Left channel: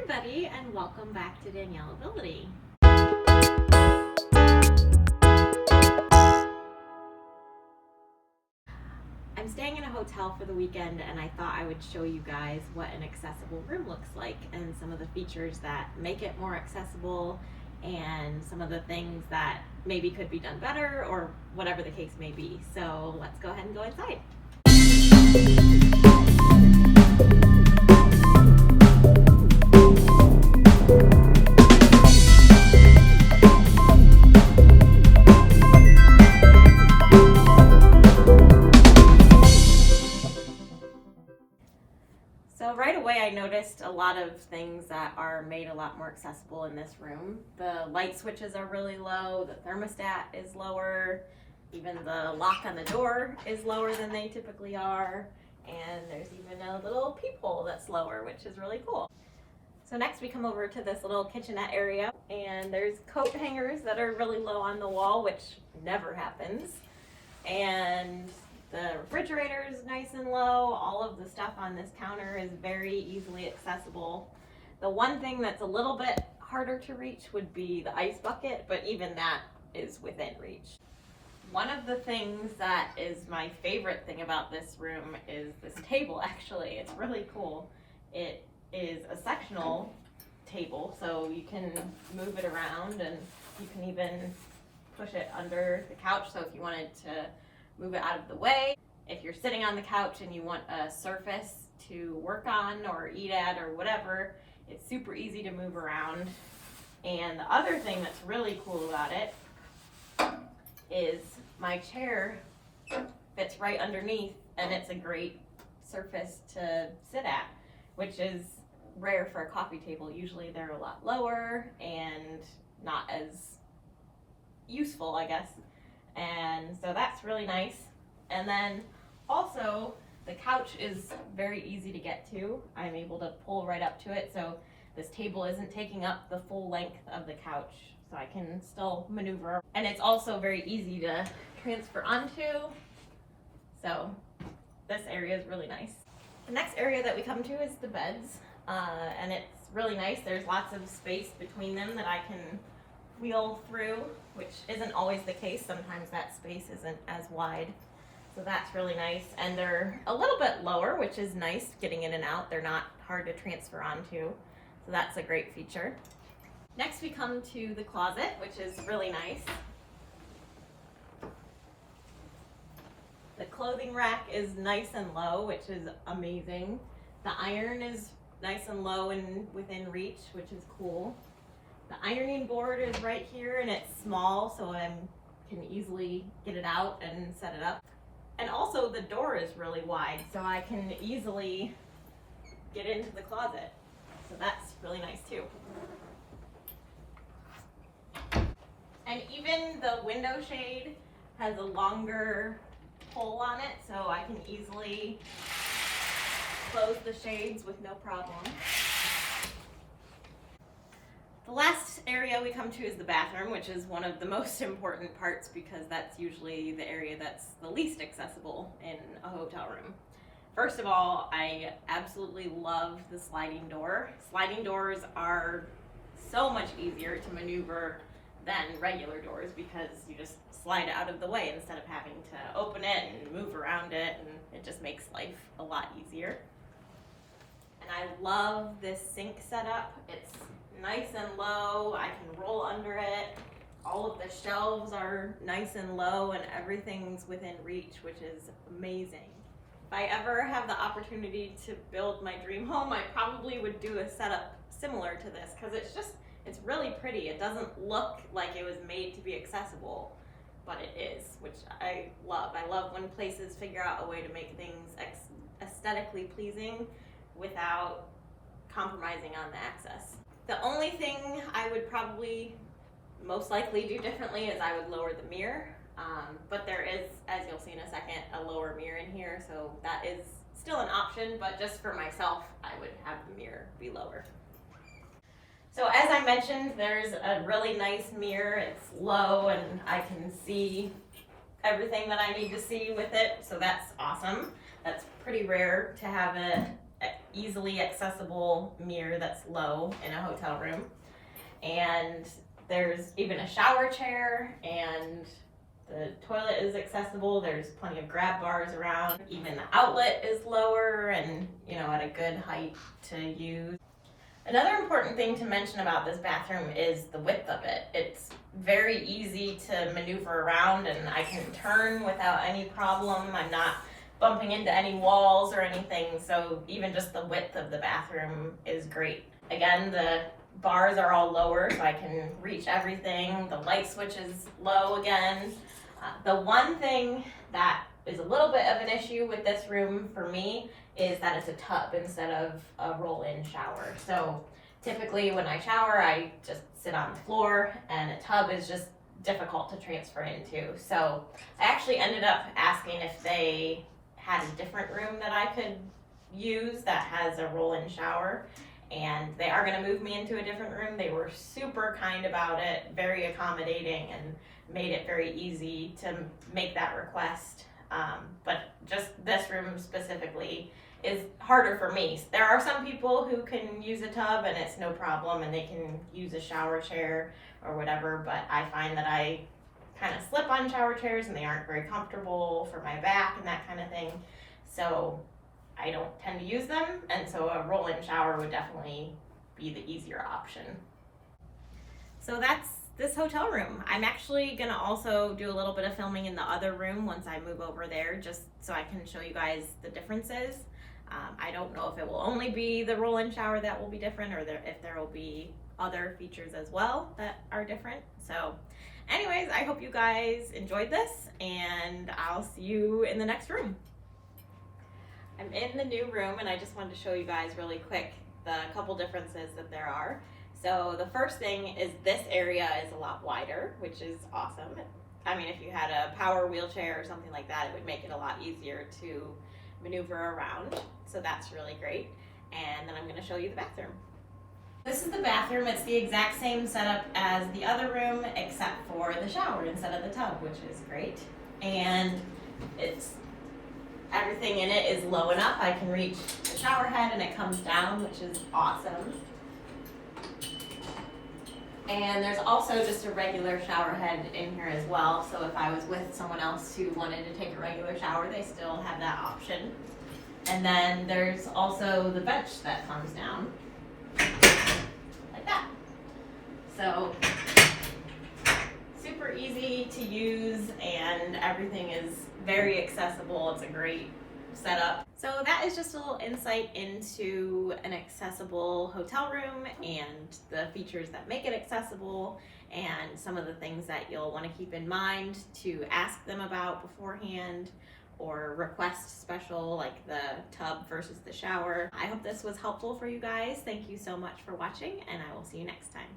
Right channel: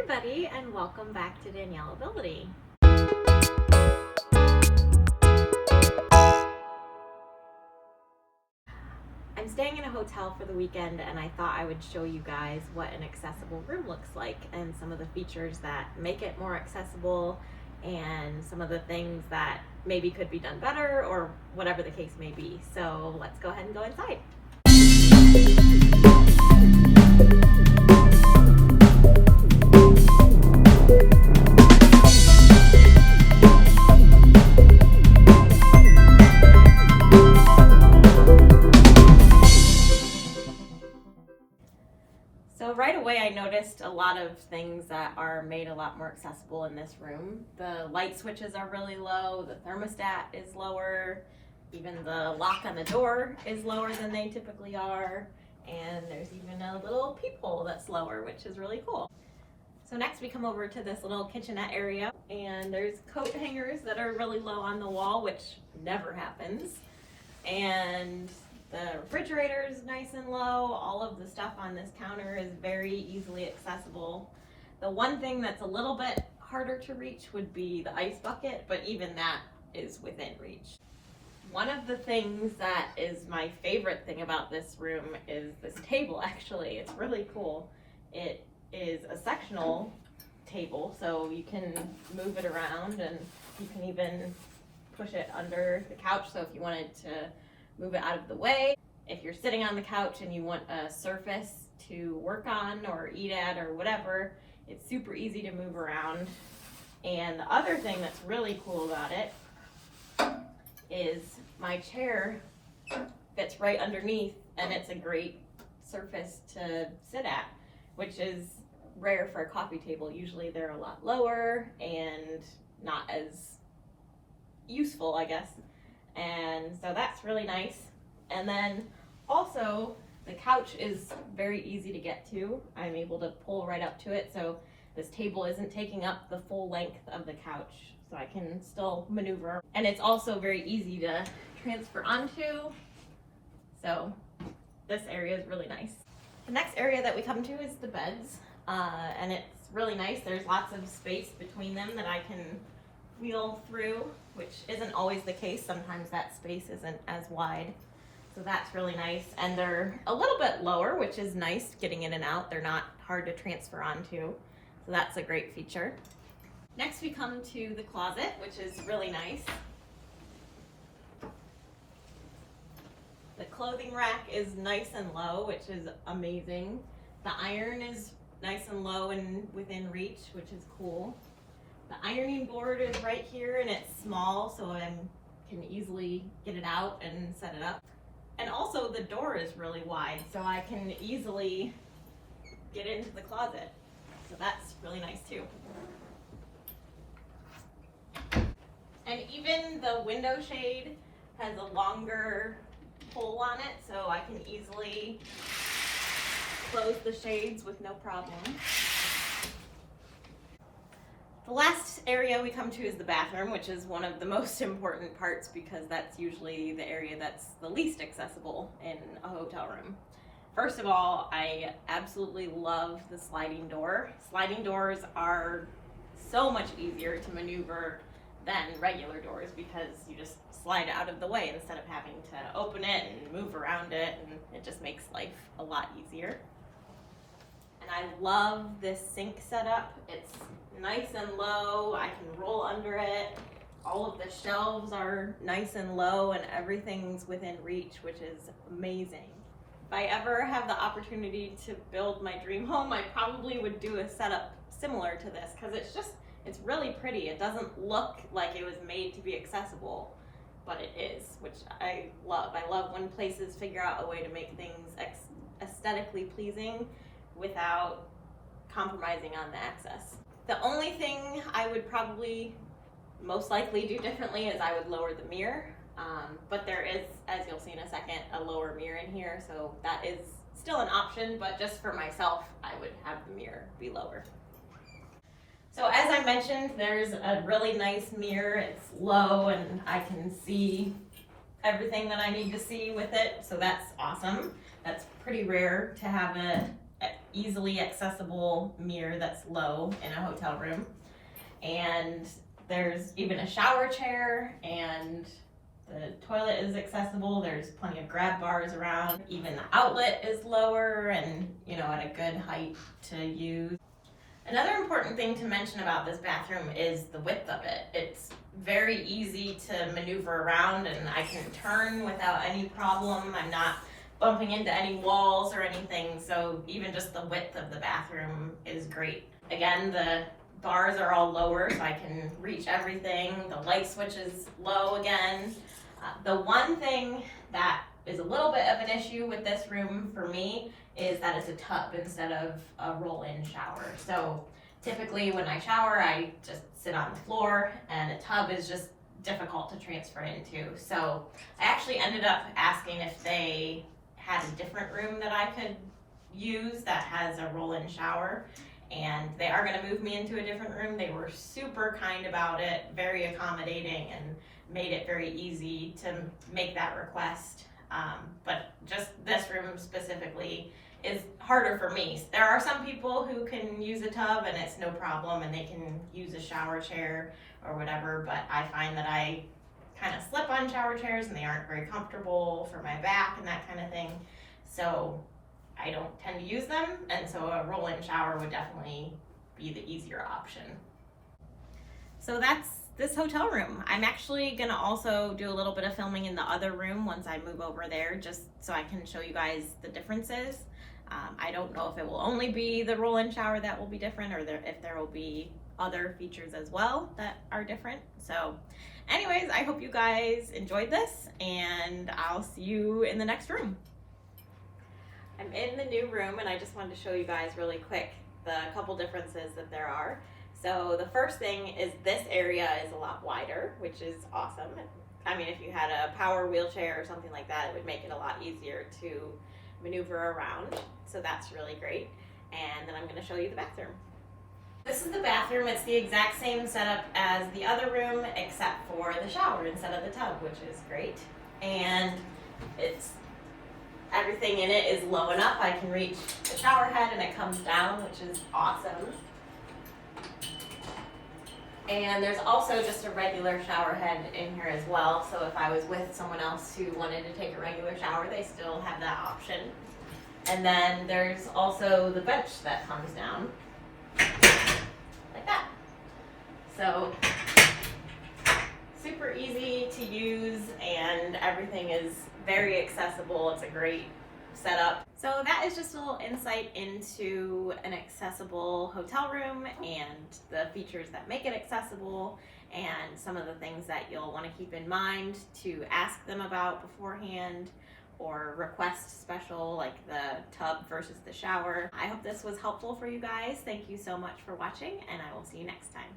everybody, and welcome back to Daniellability. I'm staying in a hotel for the weekend, and I thought I would show you guys what an accessible room looks like and some of the features that make it more accessible and some of the things that maybe could be done better or whatever the case may be. So let's go ahead and go inside. So right away I noticed a lot of things that are made a lot more accessible in this room. The light switches are really low, the thermostat is lower, even the lock on the door is lower than they typically are, and there's even a little peephole that's lower, which is really cool. So next we come over to this little kitchenette area, and there's coat hangers that are really low on the wall, which never happens. And the refrigerator is nice and low. All of the stuff on this counter is very easily accessible. The one thing that's a little bit harder to reach would be the ice bucket, but even that is within reach. One of the things that is my favorite thing about this room is this table, actually. It's really cool. It is a sectional table, so you can move it around, and you can even push it under the couch, so if you wanted to move it out of the way. If you're sitting on the couch and you want a surface to work on or eat at or whatever, it's super easy to move around. And the other thing that's really cool about it is my chair fits right underneath, and it's a great surface to sit at, which is rare for a coffee table. Usually they're a lot lower and not as useful, I guess. And so that's really nice. And then also the couch is very easy to get to. I'm able to pull right up to it, so this table isn't taking up the full length of the couch, so I can still maneuver. And it's also very easy to transfer onto, so this area is really nice. The next area that we come to is the beds, and it's really nice. There's lots of space between them that I can wheel through, which isn't always the case. Sometimes that space isn't as wide, so that's really nice. And they're a little bit lower, which is nice getting in and out. They're not hard to transfer onto, so that's a great feature. Next we come to the closet, which is really nice. The clothing rack is nice and low, which is amazing. The iron is nice and low and within reach, which is cool. The ironing board is right here, and it's small, so I can easily get it out and set it up. And also the door is really wide, so I can easily get into the closet. So that's really nice too. And even the window shade has a longer pull on it, so I can easily close the shades with no problem. The last area we come to is the bathroom, which is one of the most important parts because that's usually the area that's the least accessible in a hotel room. First of all, I absolutely love the sliding door. Sliding doors are so much easier to maneuver than regular doors because you just slide it out of the way instead of having to open it and move around it, and it just makes life a lot easier. And I love this sink setup. It's nice and low. I can roll under it. All of the shelves are nice and low, and everything's within reach, which is amazing. If I ever have the opportunity to build my dream home, I probably would do a setup similar to this because it's really pretty. It doesn't look like it was made to be accessible, but it is, which I love. I love when places figure out a way to make things aesthetically pleasing without compromising on the access. The only thing I would probably most likely do differently is I would lower the mirror, but there is, as you'll see in a second, a lower mirror in here, so that is still an option, but just for myself, I would have the mirror be lower. So as I mentioned, there's a really nice mirror. It's low and I can see everything that I need to see with it, so that's awesome. That's pretty rare to have easily accessible mirror that's low in a hotel room. And there's even a shower chair, and the toilet is accessible. There's plenty of grab bars around. Even the outlet is lower and, at a good height to use. Another important thing to mention about this bathroom is the width of it. It's very easy to maneuver around, and I can turn without any problem. I'm not bumping into any walls or anything, so even just the width of the bathroom is great. Again, the bars are all lower, so I can reach everything. The light switch is low again. The one thing that is a little bit of an issue with this room for me is that it's a tub instead of a roll-in shower. So typically when I shower, I just sit on the floor, and a tub is just difficult to transfer into. So I actually ended up asking if they had a different room that I could use that has a roll-in shower, and they are going to move me into a different room. They were super kind about it, very accommodating, and made it very easy to make that request. But just this room specifically is harder for me. There are some people who can use a tub and it's no problem, and they can use a shower chair or whatever, but I find that I kind of slip on shower chairs and they aren't very comfortable for my back and that kind of thing. So I don't tend to use them, and so a roll-in shower would definitely be the easier option. So that's this hotel room. I'm actually gonna also do a little bit of filming in the other room once I move over there, just so I can show you guys the differences. I don't know if it will only be the roll-in shower that will be different, or if there will be other features as well that are different. So anyways, I hope you guys enjoyed this, and I'll see you in the next room. I'm in the new room, and I just wanted to show you guys really quick the couple differences that there are. So the first thing is this area is a lot wider, which is awesome. I mean, if you had a power wheelchair or something like that, it would make it a lot easier to maneuver around. So that's really great. And then I'm going to show you the bathroom. This is the bathroom. It's the exact same setup as the other room, except for the shower instead of the tub, which is great. And everything in it is low enough. I can reach the shower head and it comes down, which is awesome. And there's also just a regular shower head in here as well. So if I was with someone else who wanted to take a regular shower, they still have that option. And then there's also the bench that comes down like that. So super easy to use, and everything is very accessible. It's a great setup. So that is just a little insight into an accessible hotel room and the features that make it accessible, and some of the things that you'll want to keep in mind to ask them about beforehand, or request special, like the tub versus the shower. I hope this was helpful for you guys. Thank you so much for watching, and I will see you next time.